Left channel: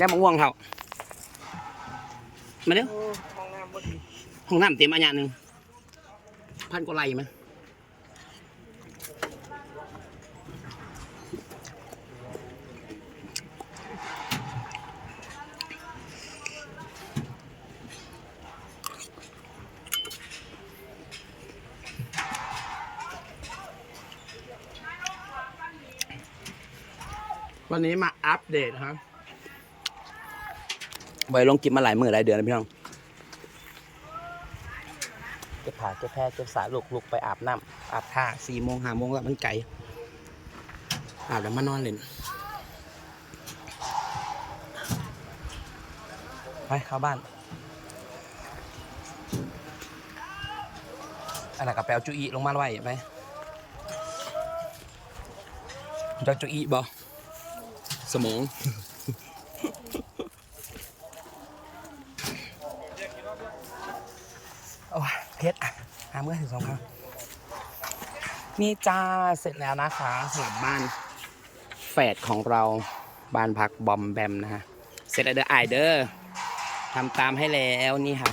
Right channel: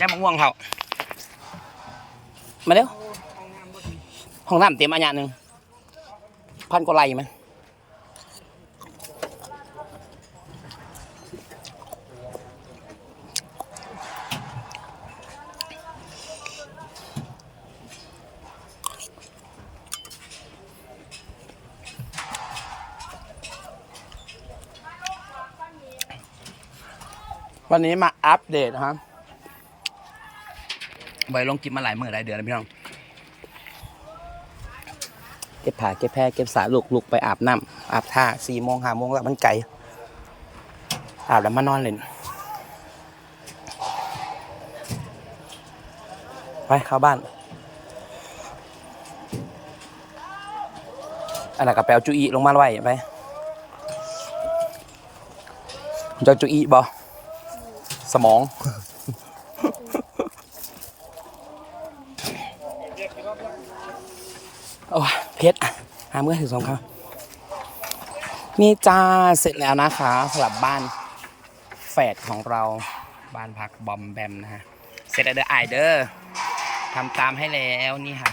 ย่ามะม่วงเขามาเร็วห้องน้ำเตรียมอันยาหนึ่งพันกว่าไร่ไหมวันนี้มาอัปเดตนะครับ ไว้ลงกินมาหลายมือหลายเดือนแล้วพี่น้อง เก็บผ้าเก็บแพรเก็บสาลุกลุกไปอาบน้ำอาบท่าสี่โมงห้าโมงแล้วมันไกลอาบแล้วมานอนเล่นไปเข้าบ้านอันนั้นกับแปลจุอีลงมาไว้ไปจะจุอีบอสมอง โอ้ย เพชรหาเมื่อถึงสองครับนี่จ้าเสร็จแล้วนะคะสำหรับบ้านแฝดของเราบ้านพักบอมแบมนะฮะเสร็จแล้วเด้อไอายเด้อทำตามให้แล้วนี่ค่ะ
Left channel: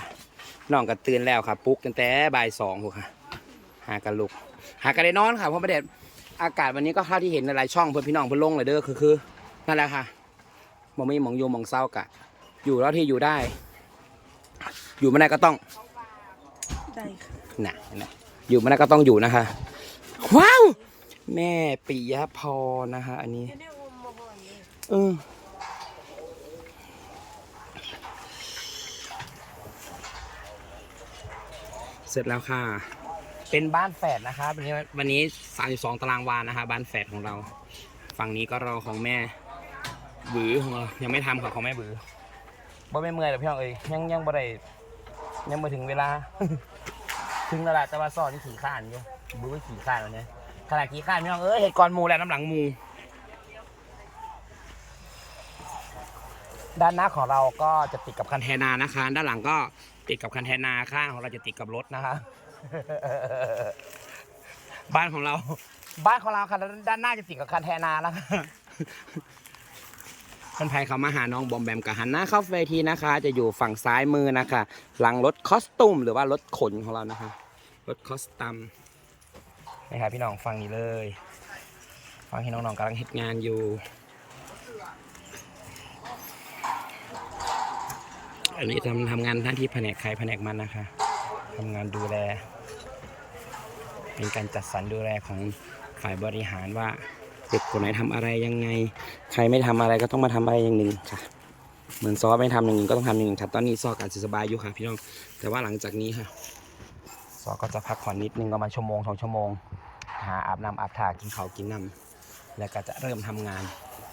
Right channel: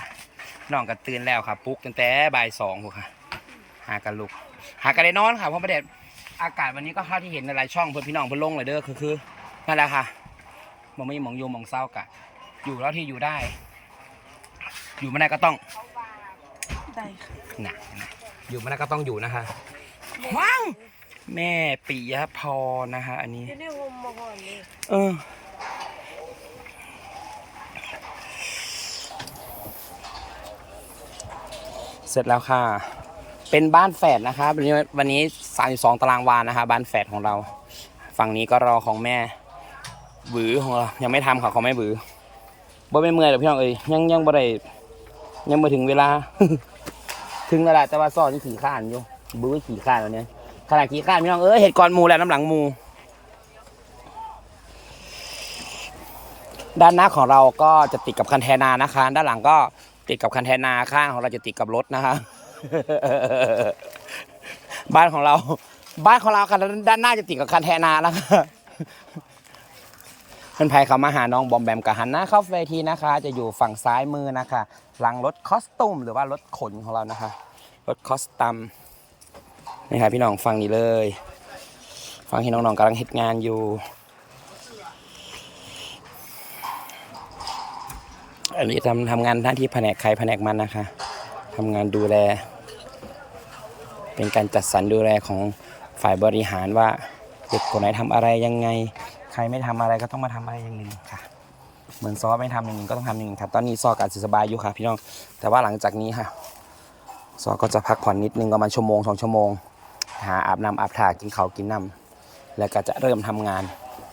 น้องก็ตื่นแล้วค่ะปุ๊กตั้งแต่บ่ายสองพวค่ะ หากันลุก หากันได้นอนค่ะเพราะประเด็นอากาศวันนี้ก็เข้าที่เห็นในหลายช่องเพื่อนพี่น้องเพื่อนลงเลยเด้อคือคือนั่นแหละค่ะมองไม่มองโยมมองเศร้ากะ อยู่แล้วที่อยู่ได้ อยู่ไม่ได้ก็ต้อง ได้ค่ะนะนะอยู่มันก็ต้องอยู่นะคะ ว้าว แม่ปิยพรนะคะ อันนี้เนี่ยงมมาก่อนนี่เออ เสร็จแล้วค่ะ เป็นบ้านแฝดนะคะวันนี้วันนี้สามสองตารางวานะคะ บ้านแฝดของเรา ฝั่งนี้ก็รอของแม่หวือของเรา ยังไม่ทำค่ะของแม่หวือบ่ไม่เมื่อยหรอกพี่น้องเอ้ยยังยังบ่ได้ ยังไม่ถึงเวลา ถึงแล้วแหละแต่ว่าซอยังขี่ข้านอยู่บื้อขี่ข้านแล้วเนี่ยขนาดขี่ข้านพี่น้องเอ้ยเห็ดก่อนหมูแล้วน้ำหลังหมู ด้านหน้าของเราก็จะติดกับคันแทนานะคะ ด้านหลังก็ติดกับคันแทนาข้างของเราจะติดกับรถนะคะ บ้านของเรา บ้านของเราค่ะด้านหน้าจะติดกับคันแทนาแล้วค่ะ เพื่อนภัยเขามาหาน้องบอมแบมกับหันหน้าเข้าเวทีนะคะ จะอยู่ฝั่งซ้ายมือนะคะ หลังรถคอสตูมหรือว่ารถขนของเรานะคะ รถคอสตัมนี่ค่ะพี่น้องฟังนี่เลย ฟังที่น้องๆกำลังเฮ็ดงานอยู่ อันนี้ทำทำงานหน้าที่แผนกใครแผนกมันนะคะทำงานดูแล เป็นการจัดสรรดูแลของฝ่ายบริหารว่าเด็กคนไหนทำอะไรยังไง ใครไม่ทำอะไรก็ต้องมาทำอะไรอย่างหนึ่งค่ะ เหมือนซอไม่ทำอย่างหนึ่งก็ต้องทำอย่างหนึ่งค่ะ ตอนนี้ซอกอาจจะสบายอยู่ค่ะ พี่น้อง แต่ว่าหลังจากนี้ค่ะ ซอก็จะพักผ่อนนิดนึงประมาณชั่วโมงสองชั่วโมง หาอาบน้ำอาบท่ากินข้าวกินน้ำแล้วก็จะเริ่มทำงาน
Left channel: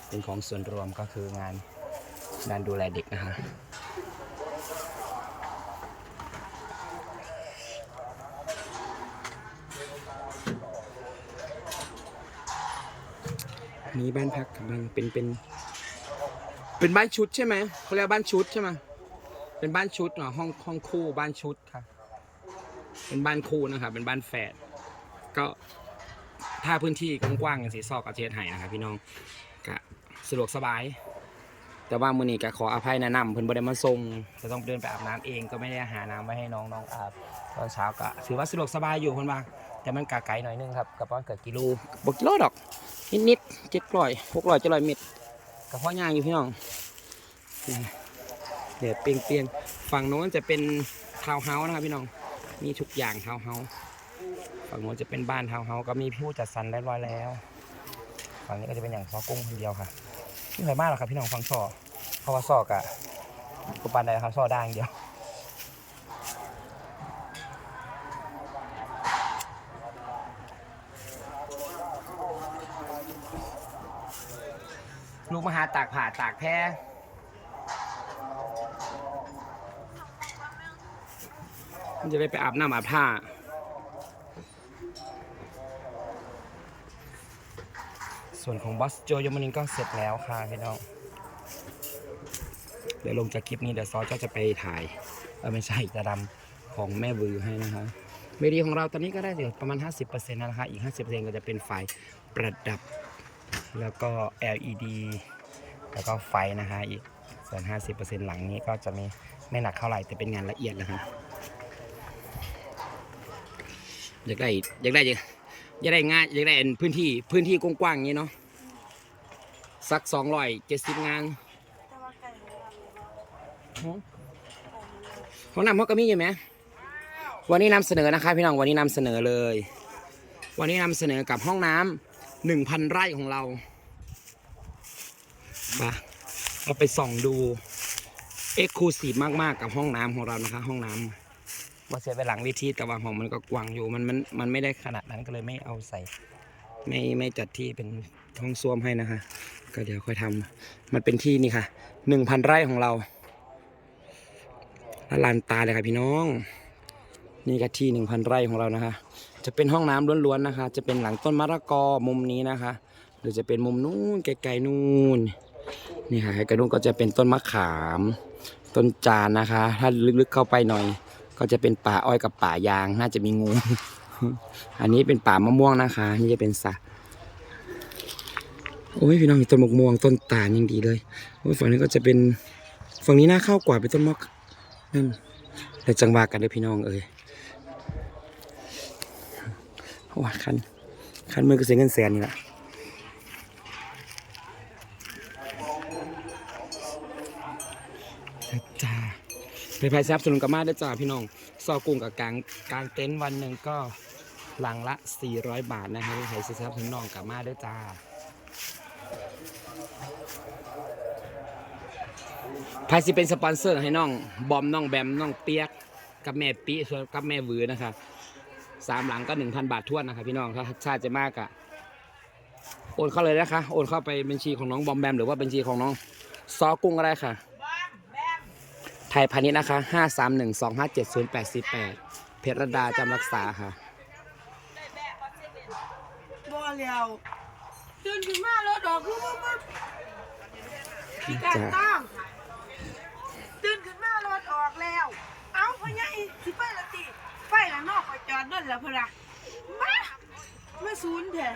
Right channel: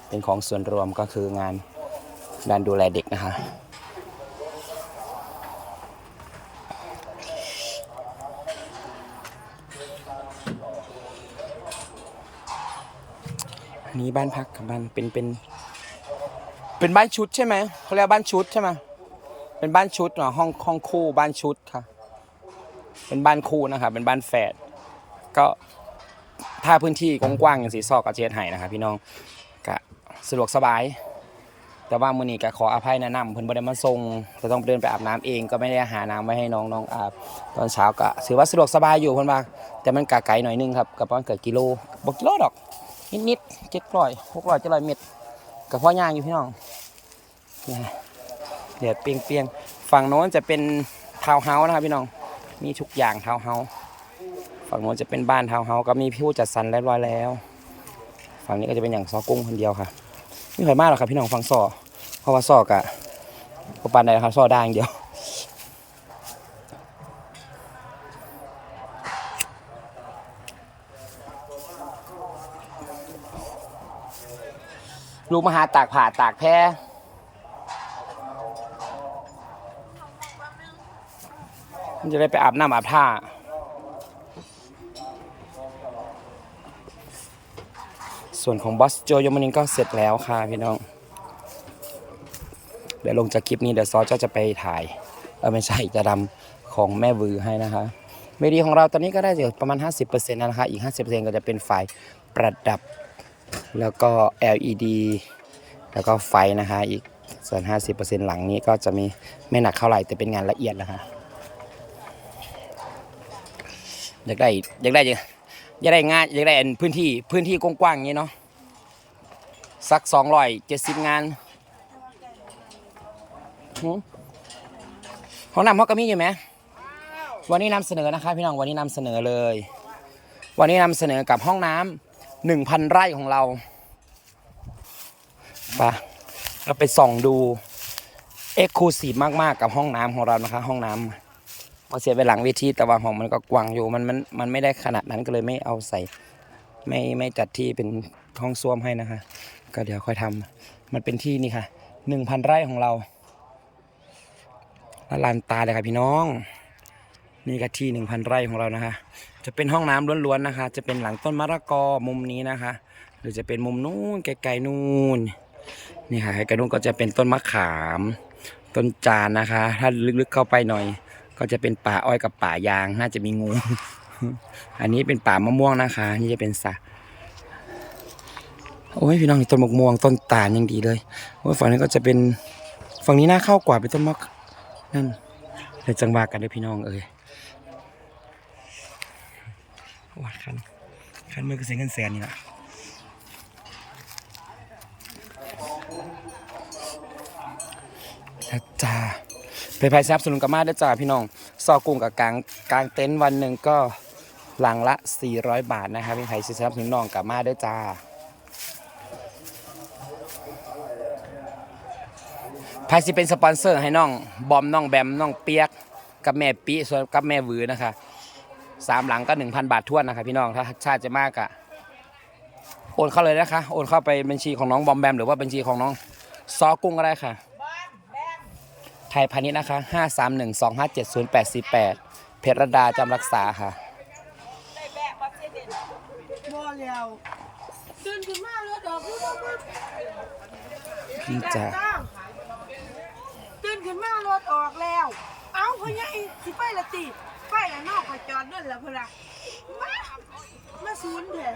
เป็นของส่วนรวมก็คืองานด้านดูแลเด็กนะคะ อันนี้บ้านพักกับบ้านเป็นเป็น เป็นบ้านชุดใช่ไหมเขาเรียกบ้านชุดใช่ไหมเป็นบ้านชุดเหรอห้องห้องคู่บ้านชุดค่ะเป็นบ้านคู่นะครับเป็นบ้านแฝดก็ถ้าพื้นที่กว้างๆอย่างสีซอกกับเชียดไห้นะครับพี่น้องก็สะดวกสบาย แต่ว่ามือนี้ก็ขออภัยแนะนำเพิ่นบ่ได้มาส่งจะต้องเดินไปอาบน้ำเองก็ไม่ได้หาน้ำไว้ให้น้องน้องอาบตอนเช้าก็ถือว่าสะดวกสบายอยู่เพิ่นว่าแต่มันกะไกลหน่อยนึงครับกับประมาณเกือบกิโลบ่กิโลดอก นิดๆเจ็ดร้อยหกร้อยเจ็ดร้อยเมตรกับพ่อย่างอยู่พี่น้องเนี่ยเดี๋ยวเปียงเปียงๆฝั่งโน้นจะเป็นทาวเฮาส์นะครับพี่น้องมีทุกอย่างทาวเฮาส์ฝั่งโน้นจะเป็นบ้านทาวเฮาส์ก็มีผู้จัดสรรเรียบร้อยแล้ว ฝั่งนี้ก็จะเป็นอย่างซอกุ้งคนเดียวค่ะไม่ค่อยมากหรอกครับพี่น้องฝั่งซอเพราะว่าซอกะปปานใดครับซอได้อย่างเดียว ลูกมหาตากผ่าตากแพรมันจะได้ไปอาบน้ำอาบท่าส่วนของบอสโจยมานินก็เสร็จแล้วค่ะพี่น้อง เดี๋ยวลงจากคลิปนี้เดี๋ยวซอจะจะไปถ่ายเออไม่ใช่จะดำของแม่วือให้นะคะเวทีของเราตอนนี้ก็ได้อยู่ประมาณ 50%แล้วนะคะ อีก 50%ก็จะเป็นไฟประดับ แล้วก็ LED แล้วก็ไฟนะคะ อีกส่วน 50%หลังนี้ก็จะมีไม่หนักเท่าไหร่แต่เป็นงานละเอียดนะคะอยากได้อยากได้อยากได้งานอยากได้พื้นที่พื้นที่กว้างๆอย่างนี้เนาะสัก270งานแต่ว่าไก่ของเราเลยว่าหืมห้องน้ำเขาก็มีอยู่ไหมวันนี้นำเสนอนะคะพี่น้องวันนี้นำเสนอเลย วันนี้นำเสนอกับห้องน้ำ หนึ่งพันไร่ของเราไปะเราไปส่องดูเอ็กซ์คลูซีฟมากๆกับห้องน้ำของเรานะคะ ห้องน้ำมาเสียไปหลังเวทีแต่ว่าห้องมันก็กว้างอยู่มันมันมันไม่ได้ขนาดนั้นก็เลยไม่เอาใส่ ไม่ไม่จัดที่เป็นห้องส้วมให้นะคะ ก็เดี๋ยวค่อยทำมันเป็นที่นี่ค่ะหนึ่งพันไร่ของเราละลานตาเลยครับพี่น้อง นี่ก็ที่หนึ่งพันไร่ของเรานะคะ จะเป็นห้องน้ำล้วนๆนะคะ จะเป็นหลังต้นมะละกอมุมนี้นะคะ หรือจะเป็นมุมนู้นไกลๆนู่นนี่ค่ะไกลๆนู่นก็จะเป็นต้นมะขาม ต้นจานนะคะ ถ้าลึกๆเข้าไปหน่อย ก็จะเป็นป่าอ้อยกับป่ายางน่าจะมีงู อันนี้เป็นป่ามะม่วงนะคะ นี่จะเป็นสระโอ้ยพี่น้องต้นมะม่วงต้นตาลยังดีเลยโอ้ยฝั่งนี้ก็จะเป็นฝั่งนี้น่าเข้ากว่าเป็นต้นมะนั่นเลยจังหวะกันเลยพี่น้องเอ้ย ว่าคันคันมือก็เสียเงินแสนนี่ละแล้วจ้าไปภายสนับสนุนกับมาด้วยจ้าพี่น้อง ซอกุ้งกับกลางกลางเต็นท์วันหนึ่งก็หลังละ 400 บาทนะครับเป็นไผ่สนับสนุนน้องกับมาด้วยจ้าไพสิเป็นสปอนเซอร์ให้น้อง บอมน้องแบมน้องเปียก กับแม่ปีส่วนกับแม่วือนะคะ สามหลังก็หนึ่งพันบาททวนนะคะพี่น้องถ้าชาติจะมากอะโอนเข้าเลยนะคะโอนเข้าไปบัญชีของน้องบอมแบมหรือว่าบัญชีของน้องซอกุ้งก็ได้ค่ะ ไทยพาณิชย์นะคะห้าสามหนึ่งสองห้าเจ็ดศูนย์แปดสี่แปดเพชรรดาจำรักษาค่ะบ่แล้วตื่นขึ้นมารถออกคือว่ามันนี่จ้ะต้องตื่นขึ้นมารถออกแล้ว เอ้าพะย ไปละตีไปละนอกก็จอดนั่นละเพุ่นล่ะมามาซูนเถอะ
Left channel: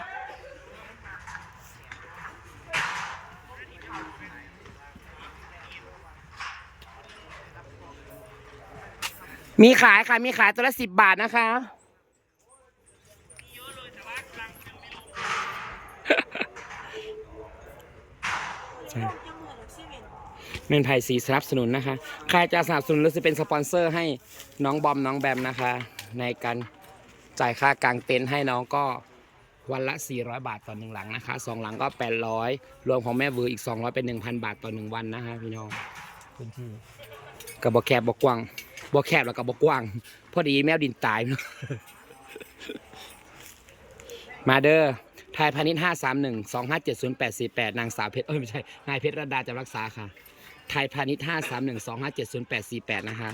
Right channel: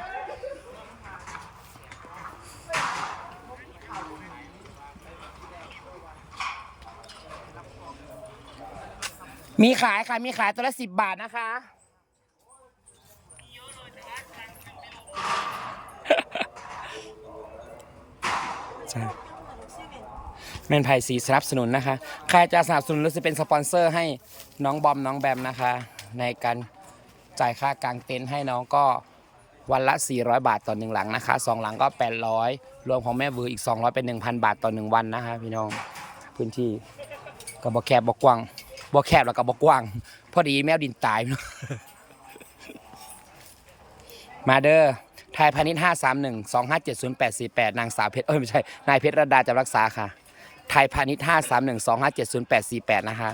มีขายค่ะ มีขายตัวละสิบบาทนะคะ ใช่ ยังเหมือนเซเว่น แมนไผ่สีสนับสนุนนะคะ ใครจะสนับสนุนหรือจะเป็นสปอนเซอร์ให้น้องบอมน้องแบมนะคะ ในการจ่ายค่ากางเต็นท์ให้น้องก็วันละ 400 บาทต่อหนึ่งหลังนะคะสองหลังก็ 800 รวมของแม่เวออีก 200 เป็น 1,000 บาทต่อหนึ่งวันนะคะ พี่น้องพื้นที่กับบอแคบบกว้างบอแคบแล้วก็บกว้าง พอดีแมวดินตาย มาเด้อไทยพาณิชย์ห้าสามหนึ่งสองห้าเจ็ดศูนย์แปดสี่แปดนางสาวเพชรเอ้ยไม่ใช่ นายเพชรระดาจำรักษาค่ะ ไทยพาณิชย์ห้าสามหนึ่งสองห้าเจ็ดศูนย์แปดสี่แปดนะคะ